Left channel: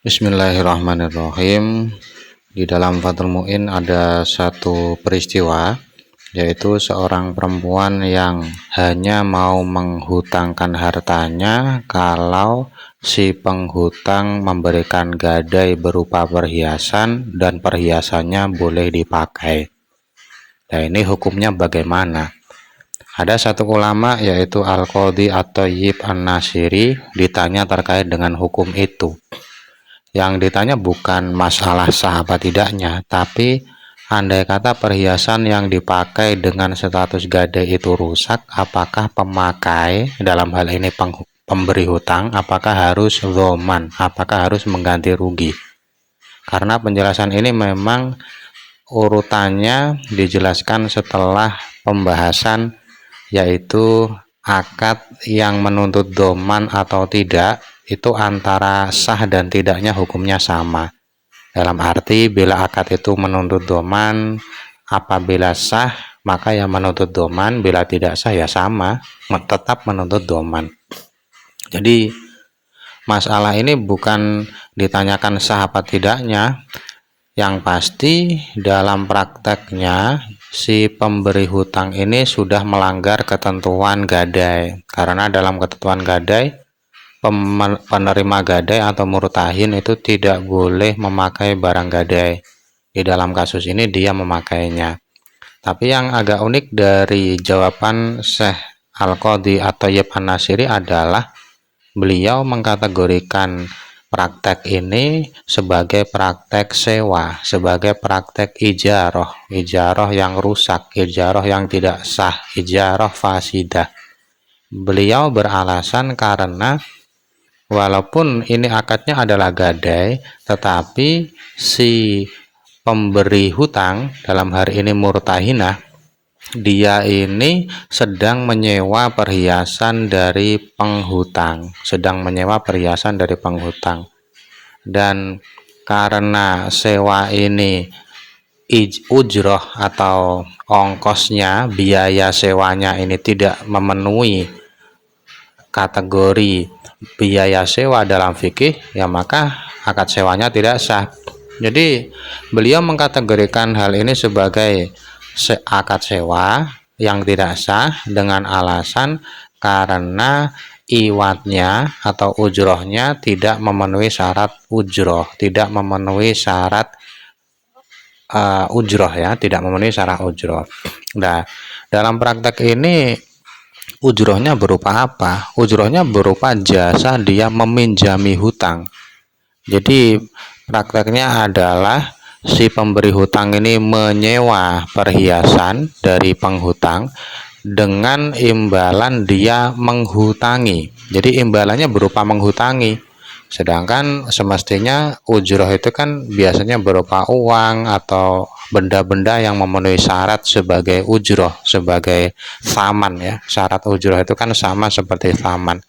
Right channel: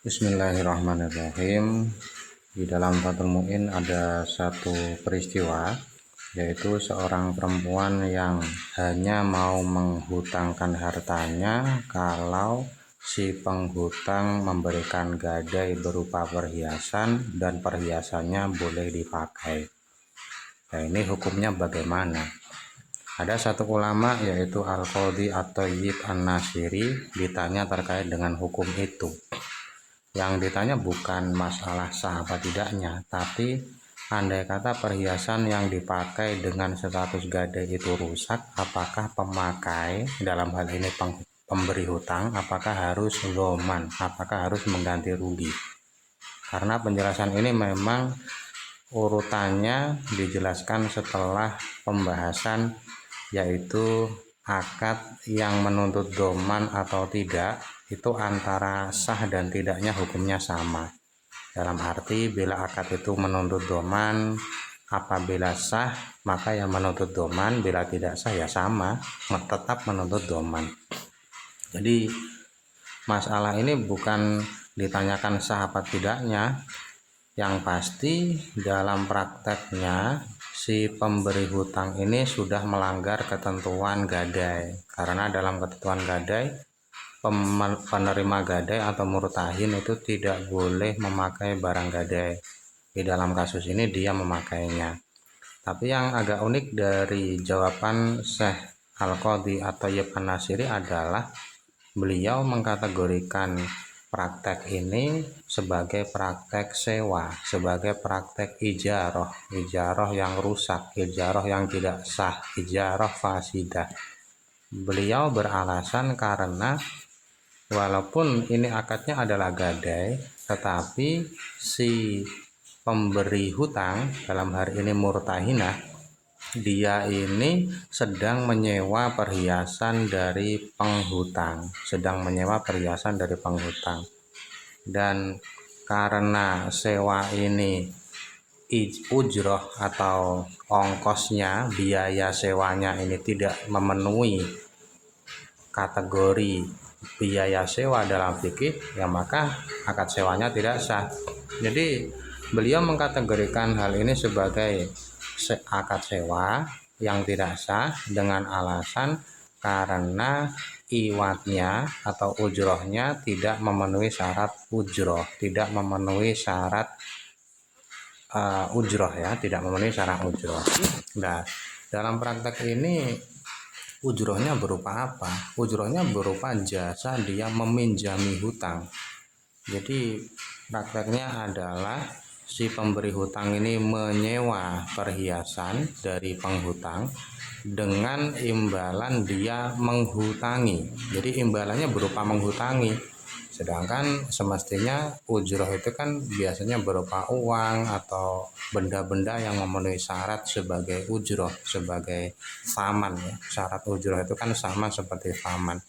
Bismillahirrahmanirrahim. Di dalam Fathul Mu'in ada satu peristiwa, yaitu seorang perempuan yang hanya mau menghutangkan hartanya kalau si penghutang memberikan gadai berupa perhiasan dan perhiasannya boleh dipakai. Nah, ini hukumnya bagaimana? Ada satu ulama yaitu Al-Qadhi At-Thayyib An-Nasiri ditanya terkait dengan hukum itu. Yang ditanya bukan masalah sah apa tidaknya, tapi andai kata perhiasan yang dipakai dengan status gadai itu rusak, apakah pemakai, dalam hal ini pemberi hutang, apakah harus dhoman, apakah harus mengganti rugi? Karena penjelasan ini memang urutannya dijelaskan setelah pembahasan, yaitu akad yang menuntut dhoman atau tidak itu antara sah dan tidaknya hukumnya sama. Dalam arti bila akad itu menuntut dhoman, apabila sah maka yang menuntut dhoman, bila tidak sah ya sama, tetap menuntut dhoman. Jadi masalah ini bukan ditanyakan sah apa tidaknya, yang pasti dalam prakteknya si pemberi hutang ini sudah melanggar ketentuan gadai. Karena dalam ketentuan gadai, penerima gadai atau murtahin itu tidak boleh memakai barang gadai. Di dalam kasus ini dia memakainya. Tapi yang agak unik dari jawaban Syekh Al-Qadhi At-Thayyib An-Nasiri adalah beliau mengkategorikan praktek ini sebagai praktek sewa, sebagai praktek ijarah, ijarah yang rusak, ijarah yang tidak sah, ijarah fasidah. Beliau beralasan karena walaupun ini akadnya adalah gadai, tetapi si pemberi hutang, dalam hari ini murtahinah, dia ini sedang menyewa perhiasan dari penghutang, dan karena sewa ini ujroh atau ongkosnya, biaya sewanya ini tidak memenuhi kategori biaya sewa dalam fikih, ya maka akad sewanya tidak sah. Jadi beliau mengkategorikan hal ini sebagai akad sewa yang tidak sah dengan alasan karena iwatnya atau ujrohnya tidak memenuhi syarat ujroh, tidak memenuhi syarat ujroh ya, tidak memenuhi syarat ujroh. Nah, dalam praktek ini ujrohnya berupa apa? Ujrohnya berupa jasa dia meminjami hutang. Jadi prakteknya adalah si pemberi hutang ini menyewa perhiasan dari penghutang dengan imbalan dia menghutangi. Jadi imbalannya berupa menghutangi. Sedangkan semestinya ujroh itu kan biasanya berupa uang atau benda-benda yang memenuhi syarat sebagai ujroh, sebagai thaman ya. Syarat ujroh itu kan sama seperti thaman.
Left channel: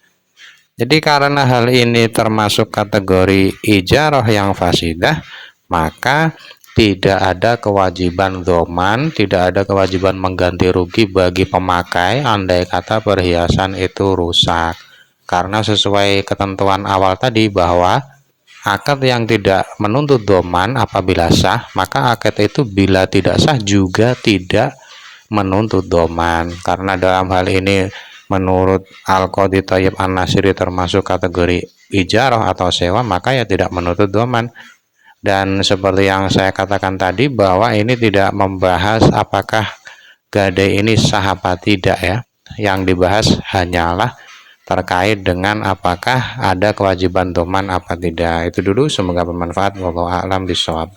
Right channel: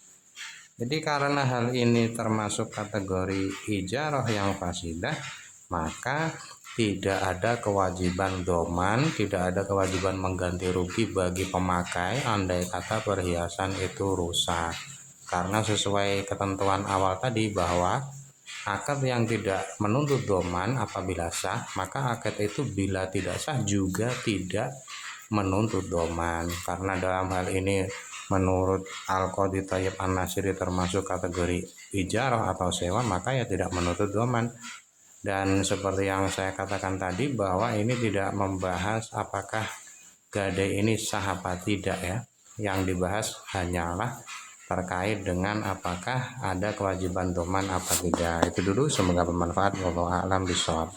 Jadi karena hal ini termasuk kategori ijarah yang fasidah, maka tidak ada kewajiban dhoman, tidak ada kewajiban mengganti rugi bagi pemakai andai kata perhiasan itu rusak. Karena sesuai ketentuan awal tadi bahwa akad yang tidak menuntut dhoman apabila sah, maka akad itu bila tidak sah juga tidak menuntut dhoman. Karena dalam hal ini menurut Al-Qadhi Thayyib An-Nasiri termasuk kategori ijarah atau sewa, maka ya tidak menuntut dhoman. Dan seperti yang saya katakan tadi bahwa ini tidak membahas apakah gadai ini sah apa tidak ya. Yang dibahas hanyalah terkait dengan apakah ada kewajiban dhoman apa tidak. Itu dulu, semoga bermanfaat. Wallahu a'lam bishawab.